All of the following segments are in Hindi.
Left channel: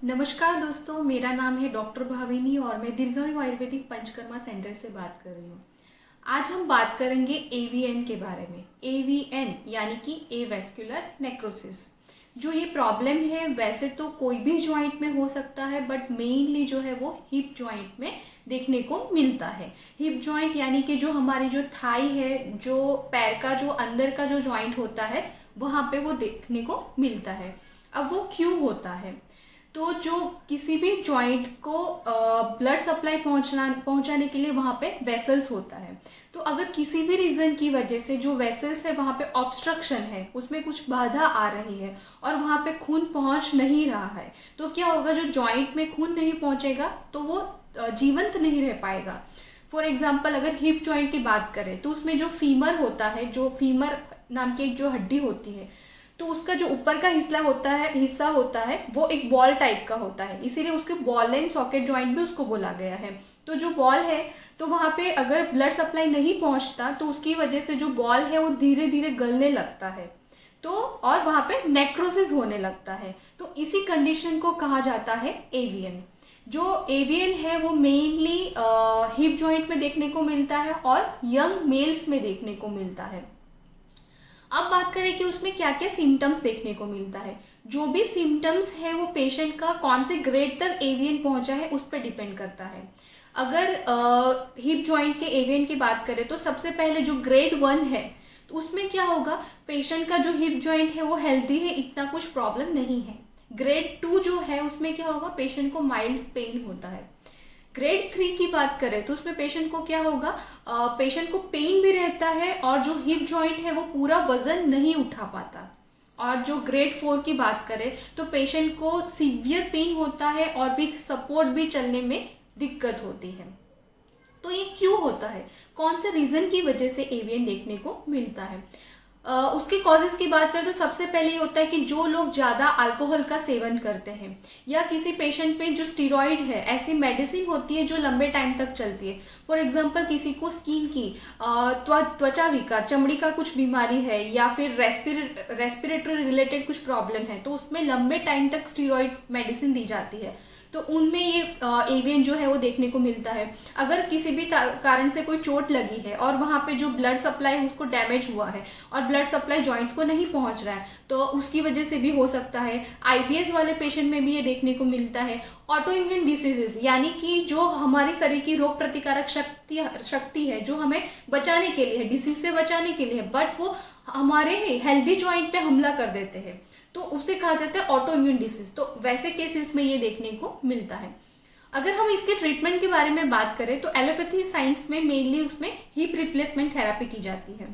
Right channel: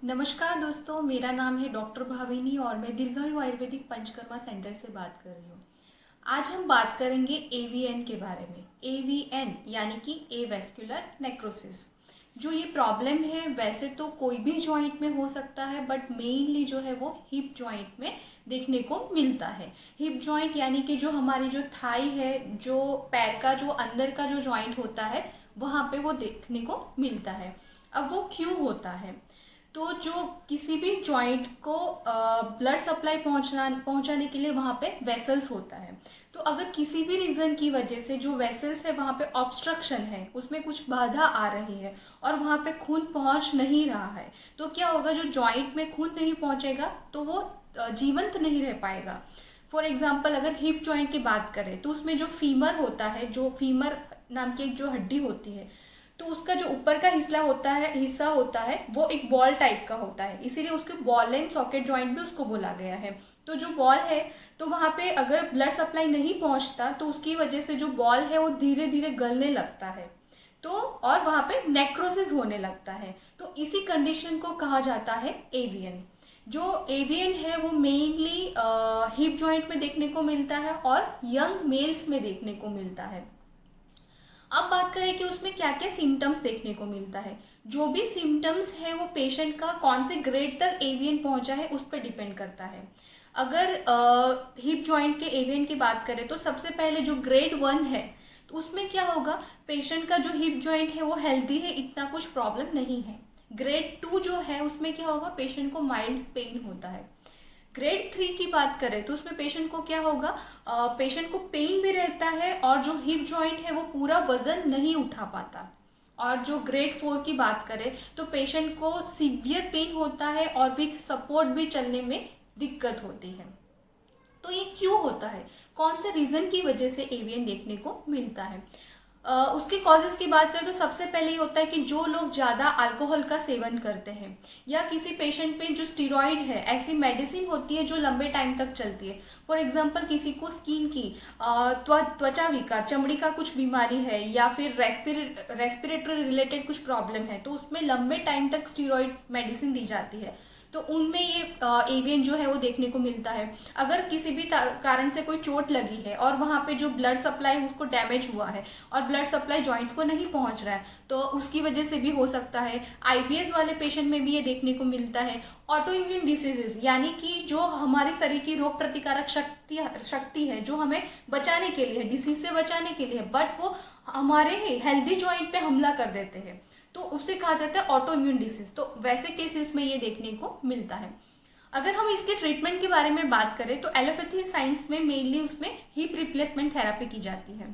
नमस्कार दोस्तों, मेरा नाम है डॉक्टर भाविनी और मैं दीर्घायु आयुर्वेदिक पंचकर्मा सेंटर से बात कर रही हूँ। आज हम बात करेंगे एवीएन के बारे में। एवीएन यानी कि एवेस्कुलर नेक्रोसिस। जो ये प्रॉब्लम है वैसे तो कोई भी जॉइंट में हो सकता है, बट मेनली जो है वो हिप जॉइंट में देखने को मिलता है। हिप जॉइंट यानी कि जो हमारी जो थाई है, जो पैर का जो अंदर का जो जॉइंट होता है, वहाँ पे वो देखने को मिलता है। अब वो क्यों होता है? तो जो किसी भी जॉइंट को ब्लड सप्लाई पहुंचाने के लिए वहां पे वेसल्स होता है। तो अगर किसी भी रीजन की वजह से जो वेसल्स है वहां पे ऑब्स्ट्रक्शन है, उसमें कुछ बाधा आ रही है और वहां पे खून पहुंच नहीं रहा है, तो क्या होगा? जो जॉइंट में खून नहीं पहुंचेगा तो वो जीवंत नहीं रह पाएगा। फॉर एग्जाम्पल अगर हिप जॉइंट की बात करें तो उसमें जो फीमर होता है, जो फीमर नाम की एक जो हड्डी होती है, तो उसका जो ऊपर का हिस्सा होता है वो एक बॉल टाइप का होता है, इसीलिए उसके बॉल एंड सॉकेट जॉइंट भी उसको बोला गया है। तो जो बॉल है, तो वहां पे अगर ब्लड सप्लाई नहीं पहुंचता तो उसकी वजह से जो बॉल है वो धीरे धीरे गलने लगता है, तो और वहां पे नेक्रोसिस होने लगता है। तो इसी कंडीशन को कहा जाता है एवीएन। जो एवीएन है वो मेनली हिप जॉइंट में देखने को मिलता है और यंग मेल्स में देखने को मिलता है। अब बात करें कि उसमें क्या क्या सिम्टम्स देखने को मिलता है। जो भी सिम्टम्स है वो पेशेंट का कौन से ग्रेड तक एवीएन पहुंचा है उस पर डिपेंड करता है। अगर हिप जॉइंट के एवीएन की बात करें तो सबसे पहले जो ग्रेड 1 है, तो उसमें क्या होगा? पेशेंट का जो हिप जॉइंट है वो हेल्दी है, इतना कुछ प्रॉब्लम नहीं है। ग्रेड 2 जो है उसमें क्या होगा? पेशेंट को माइल्ड पेन होता है। ग्रेड 3 की बात करें तो उसमें पेशेंट को क्या होगा? पेशेंट को पेन भी रहता है और जो हिप जॉइंट है वो पूरा वजन नहीं उठा पाता। और जो ग्रेड 4 की बात करें तो पेशेंट को सीवियर पेन होता है और विथ सपोर्ट भी चलने में दिक्कत होती है। तो ये क्यों होता है? कौन से रीजन की वजह से एवीएन देखने को मिलता है? उसके कॉजेज की बात करें तो सबसे पहले ये होता है कि जो लोग ज्यादा अल्कोहल का सेवन करते हैं, या किसी पेशेंट पे जो स्टीरॉइड है, ऐसी मेडिसिन होती है जो लंबे टाइम तक चलती है। फॉर एग्जांपल किसी को स्किन की त्वचा विकार, चमड़ी का कुछ बीमारी है, या फिर रेस्पिरेटरी रिलेटेड कुछ प्रॉब्लम है, तो उसमें लंबे टाइम तक स्टीरॉइड मेडिसिन दी जाती है, तो उनमें ये एवीएन जो है वो देखने को मिलता है। अगर किसी भी कारण से कोई चोट लगी है और वहां पे जो ब्लड सप्लाई उसको डैमेज हुआ है और ब्लड सप्लाई जॉइंट्स को नहीं पहुंच रहा है, तो उसकी वजह से भी हो सकता है। आईबीएस वाले पेशेंट में भी ये देखने को मिलता है। ऑटो इम्यून डिसीजेस यानी कि जो हमारे शरीर की रोग प्रतिकारक शक्ति है, जो हमें बचाने के लिए, डिसीज से बचाने के लिए, बट वो हमारे हेल्दी जॉइंट पे हमला कर देते हैं, तो उसे कहा जाता है ऑटो इम्यून डिसीज। तो वैसे केसेस में ये देखने को मिलता है। अगर हम इसके ट्रीटमेंट के बारे में बात करें तो एलोपैथी साइंस में मेनली उसमें हिप रिप्लेसमेंट थेरापी की जाती है।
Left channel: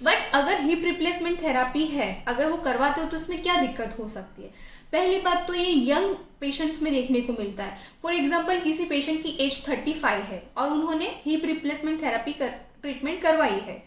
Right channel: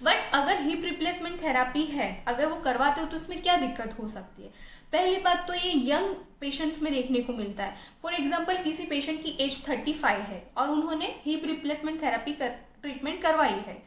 बट अगर हिप रिप्लेसमेंट थेरापी है, अगर वो करवाते हो तो उसमें क्या दिक्कत हो सकती है? पहली बात तो ये यंग पेशेंट्स में देखने को मिलता है। फॉर एग्जाम्पल किसी पेशेंट की एज 35 है और उन्होंने हिप रिप्लेसमेंट थेरापी ट्रीटमेंट करवाई है,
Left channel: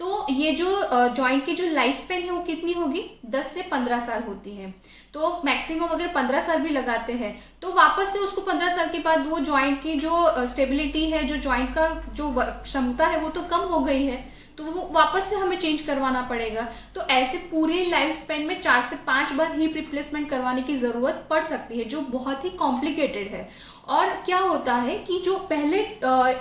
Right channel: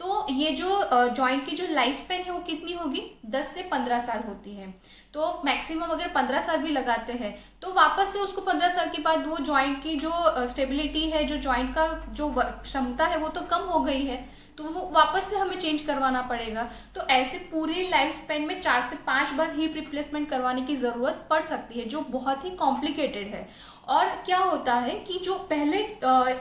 तो ये जो जॉइंट की जो लाइफ स्पेन है वो कितनी होगी? 10 से 15 साल होती है। तो मैक्सिमम अगर 15 साल भी लगाते हैं तो वापस से उसको 15 साल के बाद वो जॉइंट की जो स्टेबिलिटी है, जो जॉइंट का जो क्षमता है वो तो कम हो गई है, तो वो वापस से हमें चेंज करवाना पड़ेगा। तो ऐसे पूरे लाइफ स्पेन में 4 से 5 बार हिप रिप्लेसमेंट करवाने की जरूरत पड़ सकती है, जो बहुत ही कॉम्प्लिकेटेड है। और क्या होता है कि जो पहले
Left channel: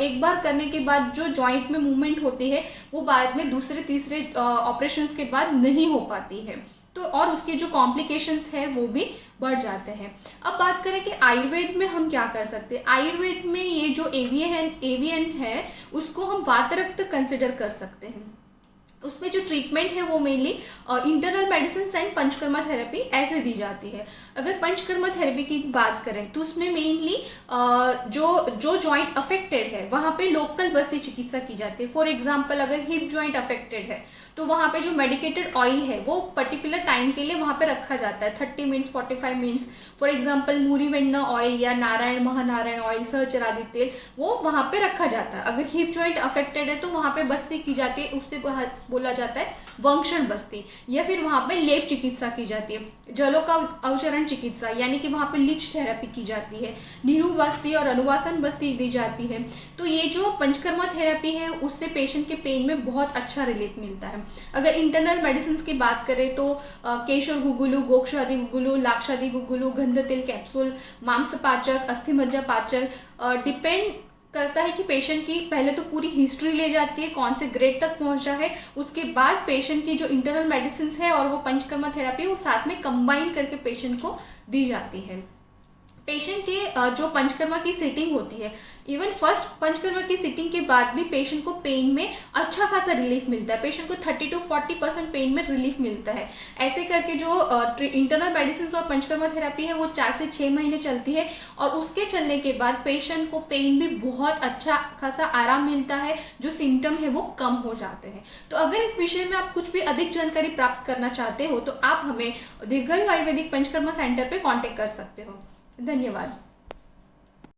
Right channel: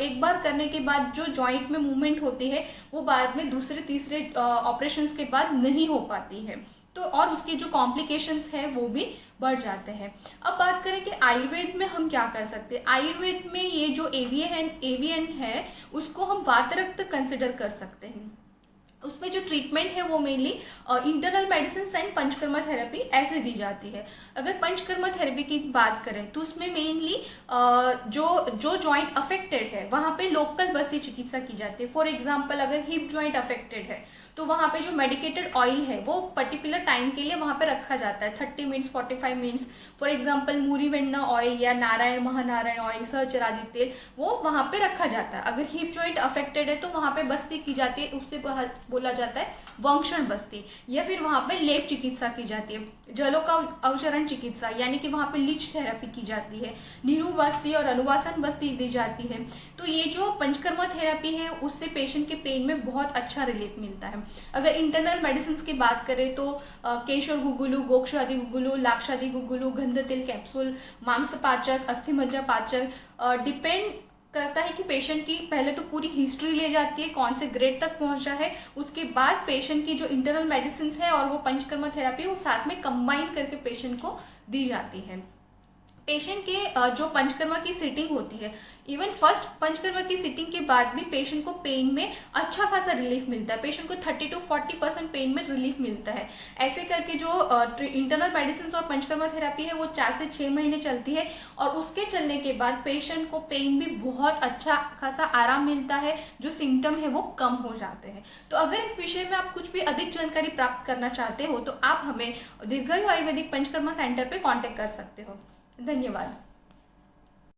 एक बार करने के बाद जो जॉइंट में मूवमेंट होती है वो बाद में दूसरे तीसरे ऑपरेशंस के बाद नहीं हो पाती है, तो और उसके जो कॉम्प्लिकेशंस है वो भी बढ़ जाते हैं। अब बात करें कि आयुर्वेद में हम क्या कर सकते हैं। आयुर्वेद में ये जो एवीएन है उसको हम वातरक्त कंसिडर कर सकते हैं। उसमें जो ट्रीटमेंट है वो mainly internal medicine and panchakarma therapy ऐसे दी जाती है। अगर पंचकर्मा थेरेपी की बात करें तो उसमें मेनली जो जॉइंट अफेक्टेड है वहां पे लोकल बस्ती चिकित्सा की जाती है। फॉर एग्जांपल अगर हिप जॉइंट अफेक्टेड है तो वहां पे जो मेडिकेटेड ऑयल है वो पर्टिकुलर टाइम के लिए वहां पे रखा जाता है, 30 मिनट्स 45 मिनट्स। फॉर एग्जांपल मूरीवेन्ना ऑयल या नारायण महानारायण ऑयल, सहचरादि तेल, वो वहां पे रखा जाता है। अगर हिप जॉइंट अफेक्टेड है तो वहां पे बस्ती की जाती है, उससे बोला जाता है वंक्षण बस्ती, या फिर वहां पे लेप चिकित्सा की जाती है। जलों का अवचरण चिकित्सा यानी कि वहाँ पे लीच थेरेपी की जाती है, नीरू बस्ती और अनुवासन बस्ती दी जाती है। तो ये जो पंचकर्मा थेरेपी है उससे पेशेंट के पेन में बहुत अच्छा रिलीफ मिलता है। अगर इंटरनल मेडिसिन की बात करें तो केशर गुगुलू, गोक्षादि गुगुलू, लाक्षादि गुगुलू, गंध तिल कैप्सूल, मांसपाचक, अस्थिमज्जा पाचक, डिपेंड करता है कि पेशेंट की पहले तो पूरी हिस्ट्री ले जाती है, कौन से ग्रेड तक पहुंचा है, उसके बाद पेशेंट की जो इंटरनल मेडिसिन है और वो पंचकर्मा थेरेपी वो साथ में कंबाइन करके पेशेंट को दी जाती है। पेशेंट के जो पंचकर्मा की सिटिंग होती है, इवन फर्स्ट पंचकर्मा की सिटिंग के बाद भी पेशेंट को पेन में अच्छा खासा रिलीफ मिलता है। पेशेंट को 30 to 40% पेन में रिलीफ मिलता है। ऐसे करके जो इंटरनल मेडिसिन और पंचकर्मा थेरेपी है वो 4 से 6 महीने चलती है और उसके चलने के बाद पेशेंट को पेन भी बहुत अच्छा खासा आराम मिलता है, जो सिम्टम है वो कम हो जाते हैं। तो अगर इस विषय में आप कुछ भी अधिक जानकारी प्राप्त करना चाहते हो तो आप हमें दीर्घायु आयुर्वेदिक पंचकर्मा सेंटर पे कांटेक्ट कर सकते हो। धन्यवाद।